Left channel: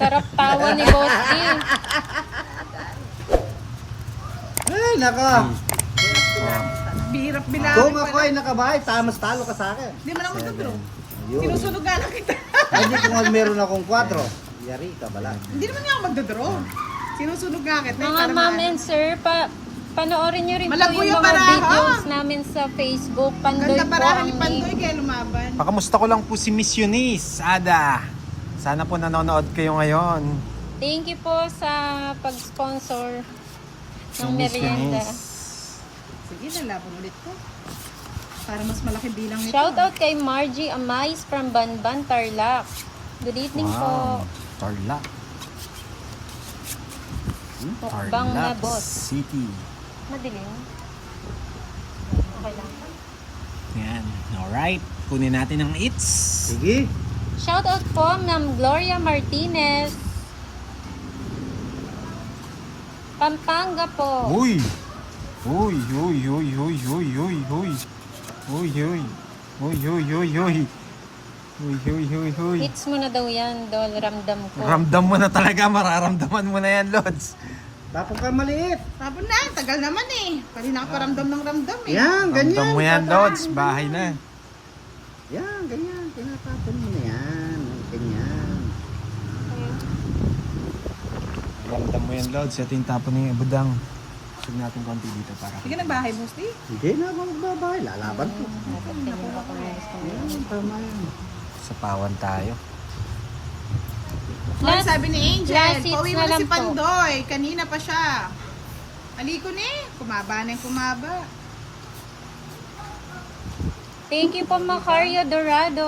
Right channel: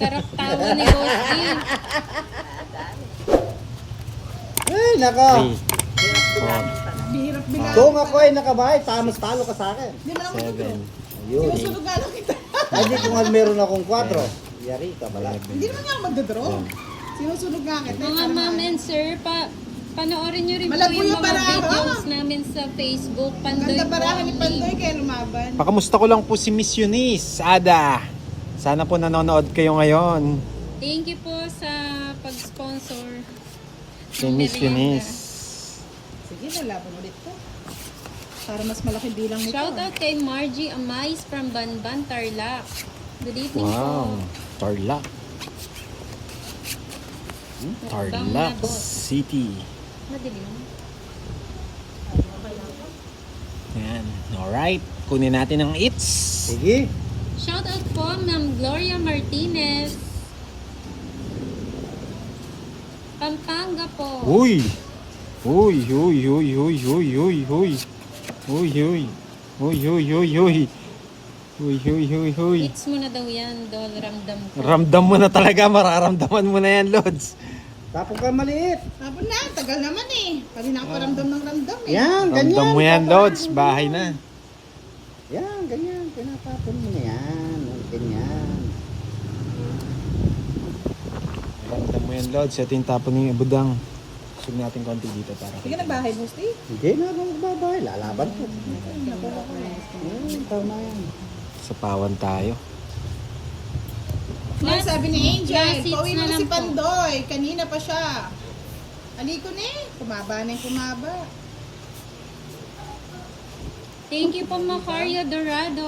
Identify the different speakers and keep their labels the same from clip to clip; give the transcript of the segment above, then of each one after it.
Speaker 1: Sarap tawa ni Boss D.
Speaker 2: Ay, nako.
Speaker 3: Bihirap bilang.
Speaker 2: Kung ako ay nakabahay, tamas talo ka sa akin.
Speaker 3: Hindi mo naman magdodro.
Speaker 2: Ayun.
Speaker 3: Sinusunog lang kita.
Speaker 2: Ay, di kung meron akong 4. Yari ka bala.
Speaker 3: Hindi naman nga ako magdodro. Sinusunog nga kita.
Speaker 1: Mga ma'am and sir, panoorin nyo rin po
Speaker 3: Malago
Speaker 1: yung
Speaker 3: yung
Speaker 1: mga
Speaker 3: baraha.
Speaker 1: videos namin sa Facebook. Pandoy
Speaker 3: Ganda
Speaker 1: po
Speaker 3: parahan
Speaker 1: ang
Speaker 3: ni Pandoy
Speaker 1: name.
Speaker 3: kaya lumaban.
Speaker 4: Pakamusta ko lang po si Miss Eunice, Ada. Sana po nanonood kayo ngayon.
Speaker 1: Thank you po sa pag-sponsor
Speaker 4: Si
Speaker 1: ng
Speaker 4: Miss
Speaker 1: merienda.
Speaker 4: Eunice.
Speaker 3: Sige, lalaban ulit ko. Para mas malaki bilang nito.
Speaker 1: Shout out kay Margie Amais from Banban, Tarlac. Good evening po.
Speaker 4: Tarlac.
Speaker 1: Mukbang na
Speaker 4: Tarlac
Speaker 1: boss.
Speaker 4: City.
Speaker 1: Madilim.
Speaker 4: Yan. Alright. Kunin natin ang eats.
Speaker 2: Sige.
Speaker 1: Shout out po Ma'am Gloria Martinez. Pampanga po.
Speaker 4: Uy! Uy, uy, uy, uy, uy, uy, uy. Uy, uy. Uy, uy, uy, uy. Uy, uy, uy, uy.
Speaker 1: Hits mo na daw yan, Dol. Ramdam ko.
Speaker 4: Ramdam mo na talaga. Mararamdaman mo na yan, Lods.
Speaker 2: Tapos ka maliit.
Speaker 3: Tapon na, tagal naman eh. Pwede nakaparamdam ng ramdam eh.
Speaker 2: Yan,
Speaker 4: Ramdam
Speaker 2: ganyan.
Speaker 4: mo yan,
Speaker 2: Papa.
Speaker 4: Lods. Bahay na.
Speaker 2: Yan, ganyan. Tinatapon mo na yan. Ganyan.
Speaker 4: Ramdam mo yan, Lods. Ito yung tapon ng budang. Gusto natin konti dito para.
Speaker 3: Sige na bahay mo, Steve.
Speaker 2: Hindi na ako magbabahay. Lalaban ko.
Speaker 1: Nakuha ko na gusto mo.
Speaker 2: Yan, tama yan.
Speaker 4: Sa pawan tayo.
Speaker 3: Ano sabi ni Angel?
Speaker 1: last hits
Speaker 3: Pauwi mo
Speaker 1: na
Speaker 3: na
Speaker 1: lang
Speaker 3: si
Speaker 1: po.
Speaker 3: Pandoy. Kanina pa siya. Aliko ni. Kumaba na yung kumaba.
Speaker 1: Thank you po, Macario Dorado.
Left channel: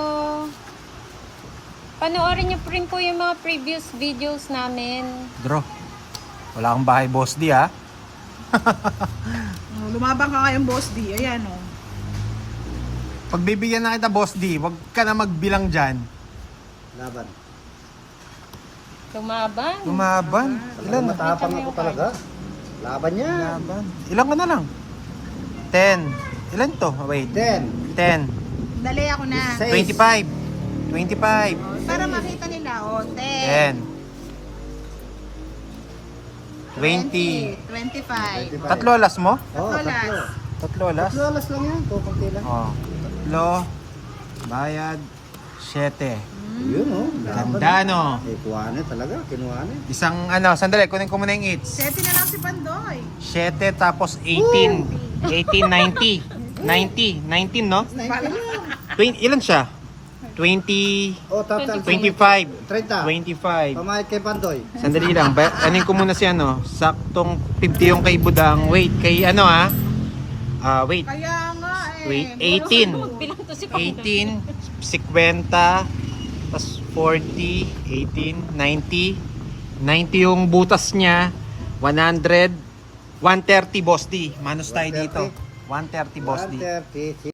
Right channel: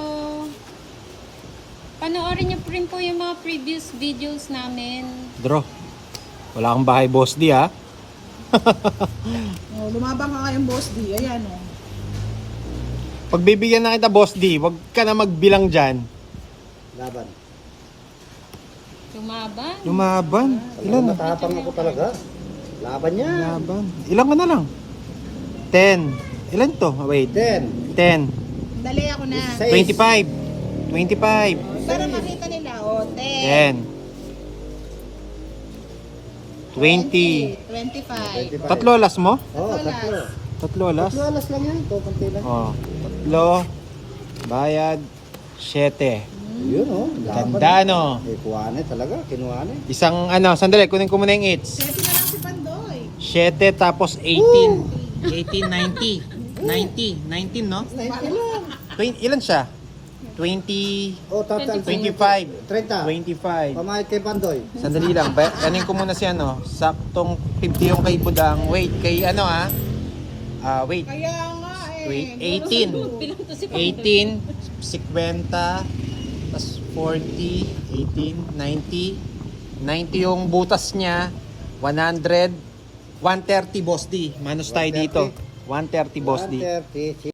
Speaker 1: Panoorin niyo po rin po yung mga previous videos namin.
Speaker 4: Draw. Wala kang bahay, Boss D, ha?
Speaker 3: Oh, lumabang ka ngayong boss D. Ayan o. Oh.
Speaker 4: Pagbibigyan na kita, Boss D, wag ka na magbilang dyan.
Speaker 2: Laban.
Speaker 1: Lumaban.
Speaker 4: Umaban.
Speaker 2: Talaga matapang ako talaga. Laban yan.
Speaker 4: Umaban. Ilan ka na lang? 10. Ilan to? Wait.
Speaker 2: 10.
Speaker 4: 10.
Speaker 3: Dali ako na.
Speaker 4: 25. 25.
Speaker 3: Para makita nila. O, 10.
Speaker 4: 10. 20.
Speaker 3: 25.
Speaker 4: Tatlo alas mo?
Speaker 2: Oo,
Speaker 3: Tatlo
Speaker 2: tatlo.
Speaker 4: Tatlo alas?
Speaker 2: Tatlo alas lang yan. Kukunti lang.
Speaker 4: Oh. Tatlo. Bayad. 7.
Speaker 2: Yun o.
Speaker 4: Ganda, no?
Speaker 2: Eh, kuwane talaga. Kinuwane.
Speaker 4: Isang ano, sandali, kunin ko muna yung 8.
Speaker 3: 7 na lang si Pandoy.
Speaker 4: 7 tapos 18. 18, 90. 90. 19, no?
Speaker 2: 90 lang.
Speaker 4: 20, ilan siya? 20,
Speaker 2: O, total
Speaker 4: 25.
Speaker 2: 30.
Speaker 4: 25.
Speaker 2: Pamayad kay Pandoy.
Speaker 4: Sandali lang. Anin ko muna si ano. Saktong 50 yung kay Budang. Wait, kay ano ah? Wait.
Speaker 3: Kaya nga eh.
Speaker 4: Wait, 18.
Speaker 1: Bilang to si
Speaker 4: 18, 50, tapos 40, 18, 90. 90 yung butas niya. 100, 130 Boss D. Manos tayo dito. 130 Boss D.
Speaker 2: 130.